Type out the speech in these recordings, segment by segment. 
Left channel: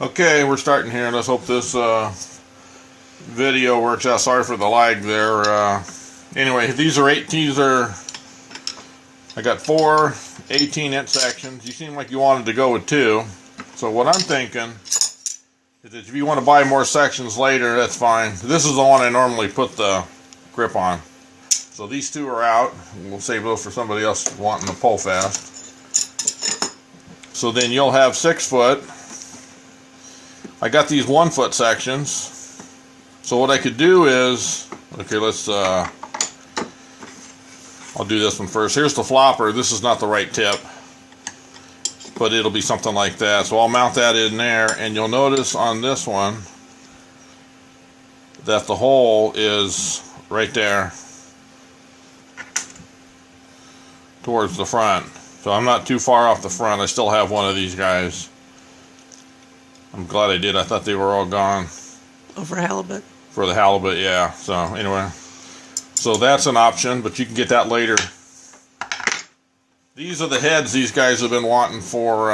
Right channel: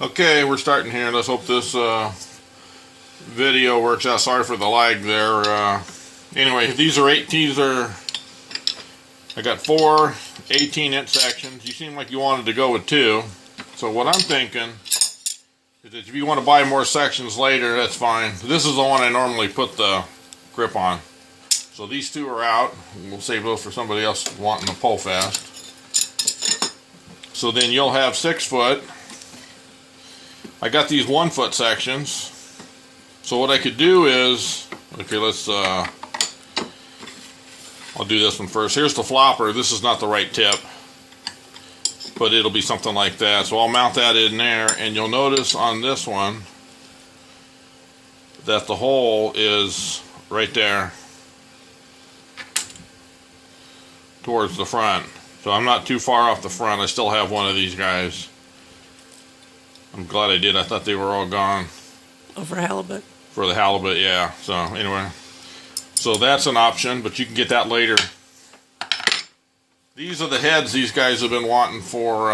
Okay, we're starting here. Let's hope this video works out. Sorry for the lag there. Anyway, I got 4 18-inch sections. You seem like you wanted to go with 2. So what I'm thinking is that if you want to buy more sections later, that's fine. This is the one I normally put the grip on. So these 2 are out. We'll save those for somebody else wanting to pull fast. So then you'll have 6 foot. I got these 1 foot sections. So what I could do is, okay, I'll do this one first. Here's the flopper. This is not the right tip, but it'll be something like that. So I'll mount that in there, and you'll notice on this one that the hole is right there towards the front. So I'm not too far off the front. I still have one of these guys. I'm glad I did. I thought they were all gone. Oh, for halibut? For the halibut, yeah. So anyway, so that's an option, but you can get that later. These are the heads these guys have been wanting for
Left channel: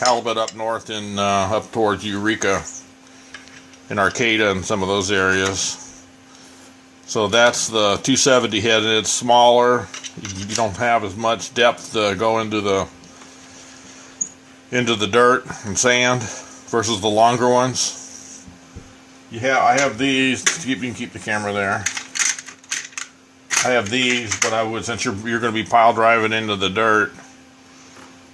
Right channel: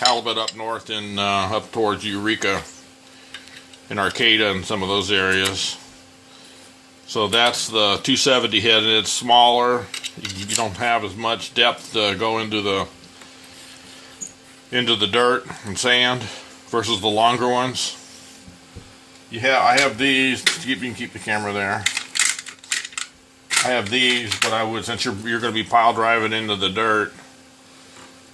halibut up north in up towards Eureka and Arcada and some of those areas. So that's the 270 head, and it's smaller. You don't have as much depth to go into the dirt and sand versus the longer ones. I have these. You can keep the camera there. I have these, but I would, since you're going to be pile driving into the dirt,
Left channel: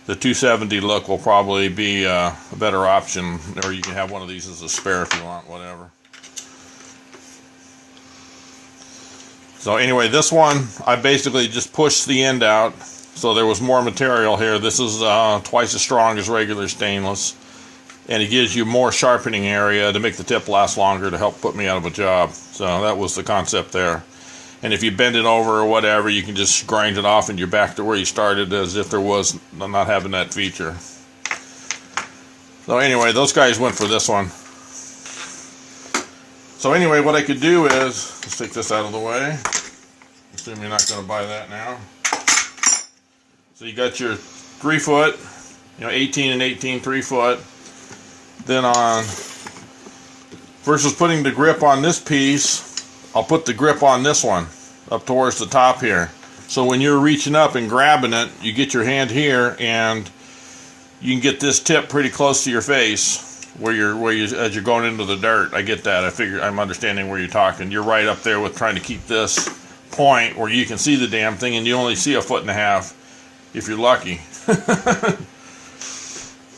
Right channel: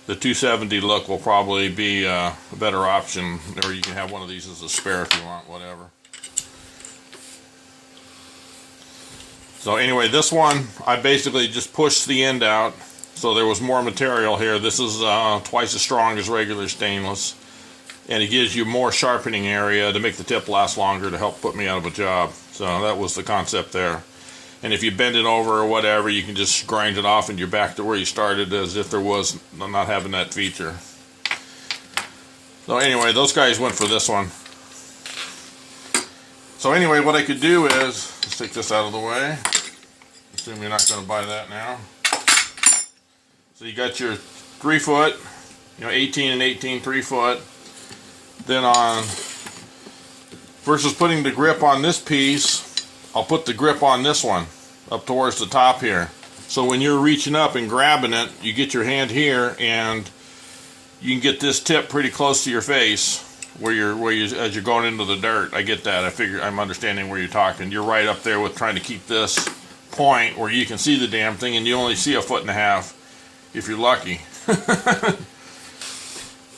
the 270 look will probably be a better option, or you can have one of these as a spare if you want, whatever. So anyway, this one, I basically just pushed the end out, so there was more material here. This is twice as strong as regular stainless, and it gives you more sharpening area to make the tip last longer to help put me out of a job. So that was the concept there. And if you bend it over or whatever, you can just grind it off and you're back to where you started, as if there was not having that feature. So anyway, those guys went for this one. So anyway, what I could do is, let's take this out of the way. Assume you're not going to buy that now. So you got your 3 foot, 18 and 18, 3 foot. Then versus putting the grip on this piece, I'll put the grip on this one up towards the top here. So when you're reaching up and grabbing it, you get your hand here, and you can get this tip pretty close to your face where you as you're going into the dirt. I get that. I'm understanding where you're talking. You're right up there with trying to keep this point where you can see the damn thing, and you only see 1.5 foot if you're lucky.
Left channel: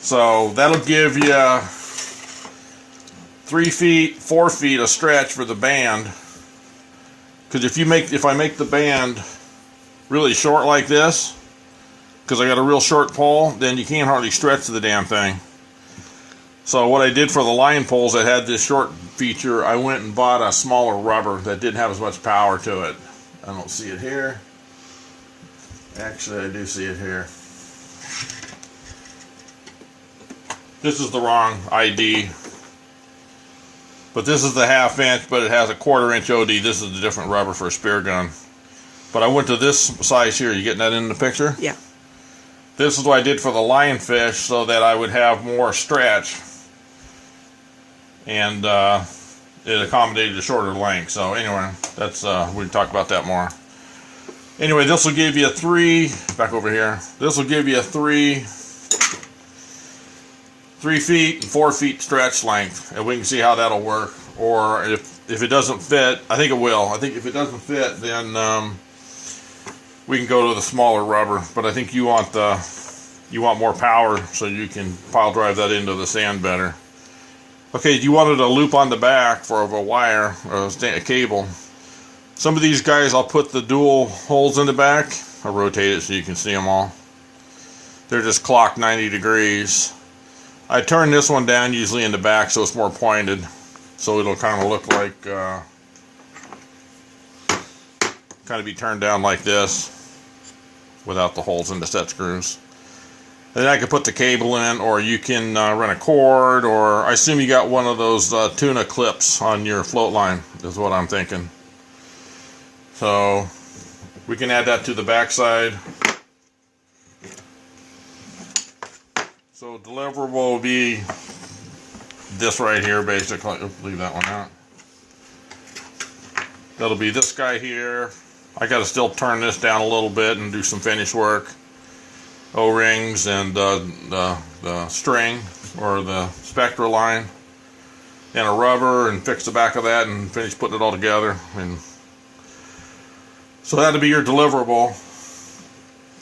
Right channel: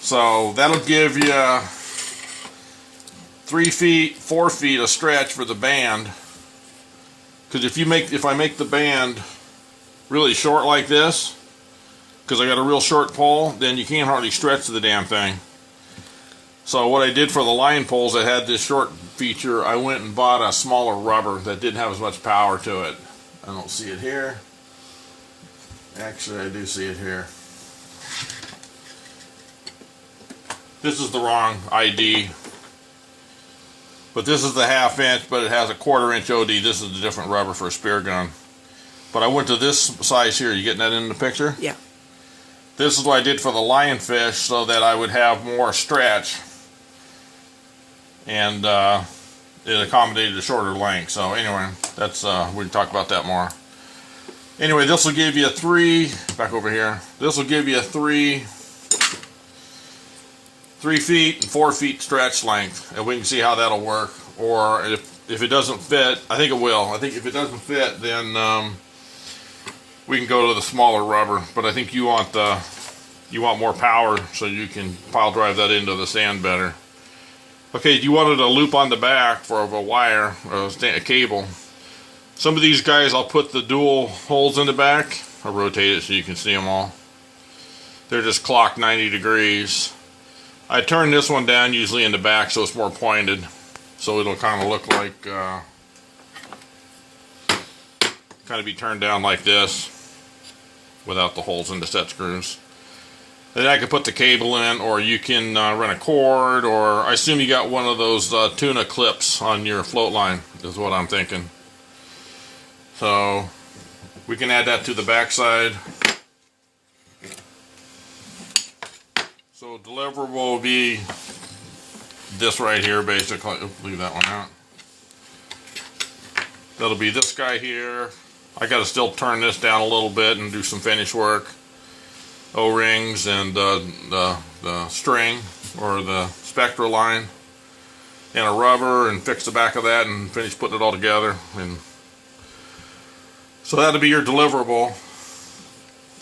So that'll give you 3 feet, 4 feet of stretch for the band. Because if I make the band really short like this, because I got a real short pole, then you can't hardly stretch the damn thing. So what I did for the line poles that had this short feature, I went and bought a smaller rubber that didn't have as much power to it. I don't see it here. Actually, I do see it here. This is the wrong ID. But this is the 1/2 inch, but it has a 1/4 inch OD. This is the different rubber for a spear gun. But I went to this size here. You getting that in the picture? Yeah. This is what I did for the lionfish, so that I would have more stretch. And it accommodated a shorter length. So anyway, that's we can talk about that more. Anyway, this will give you 3, back over here, this will give you a 3 feet and 4 feet stretch length, and we can see how that'll work. Or if it doesn't fit, I think it will. I think if it doesn't fit, then we can go to the smaller rubber. But I think you want more power, so you can pile drive that into the sand better. Okay, you wanted a loop on the back for a wire or a cable. Some of these guys, I'll put the dual holes in the back. I'll rotate it so you can see them all. They're just clocked 90 degrees. I turn this one down usually in the back so it's more pointed, so it'll kind of look like kind of be turned down like this without the holes in the set screws. And then I can put the cable in, or you can run a cord, or I assume you got one of those tuna clips on your float line is what I'm thinking. So we can add that to the back side. So deliverable will be this right here, basically. Oops, leave that one out. That'll be this guy here. I got to still turn this down a little bit and do some finish work. O-rings and the string or the spectra line and a rubber, and fix the back of that and finish putting it all together. And so that'll be your deliverable,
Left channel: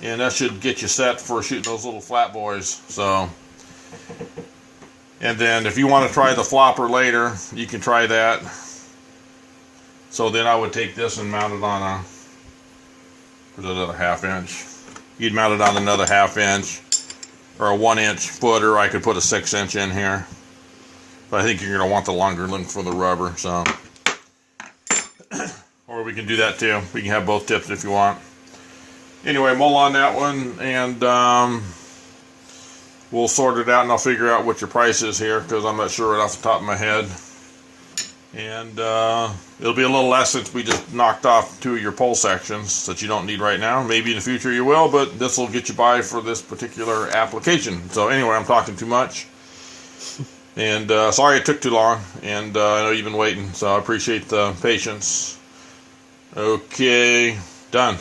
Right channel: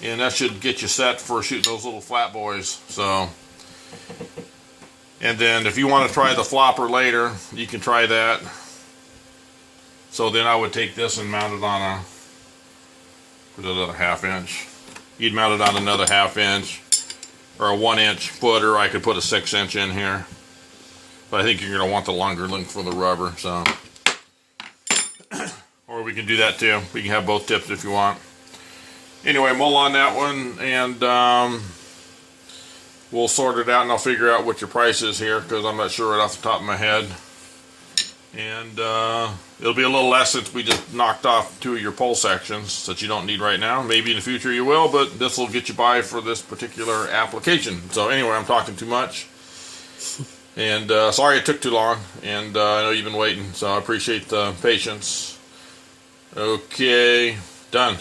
and that should get you set for shooting those little flat boys. So, and then if you want to try the flopper later, you can try that. So then I would take this and mount it on a, put it at a 1/2 inch. You'd mount it on another 1/2 inch or a 1 inch footer. I could put a 6 inch in here, but I think you're going to want the longer length for the rubber. So, or we can do that too. We can have both tips if you want. Anyway, mull on that one, and we'll sort it out, and I'll figure out what your price is here, because I'm not sure right off the top of my head. And it'll be a little less since we just knocked off 2 of your pole sections that you don't need right now. Maybe in the future you will, but this will get you by for this particular application. So anyway, I'm talking too much. And sorry it took too long. And I know you've been waiting, so I appreciate the patience. Okay, done.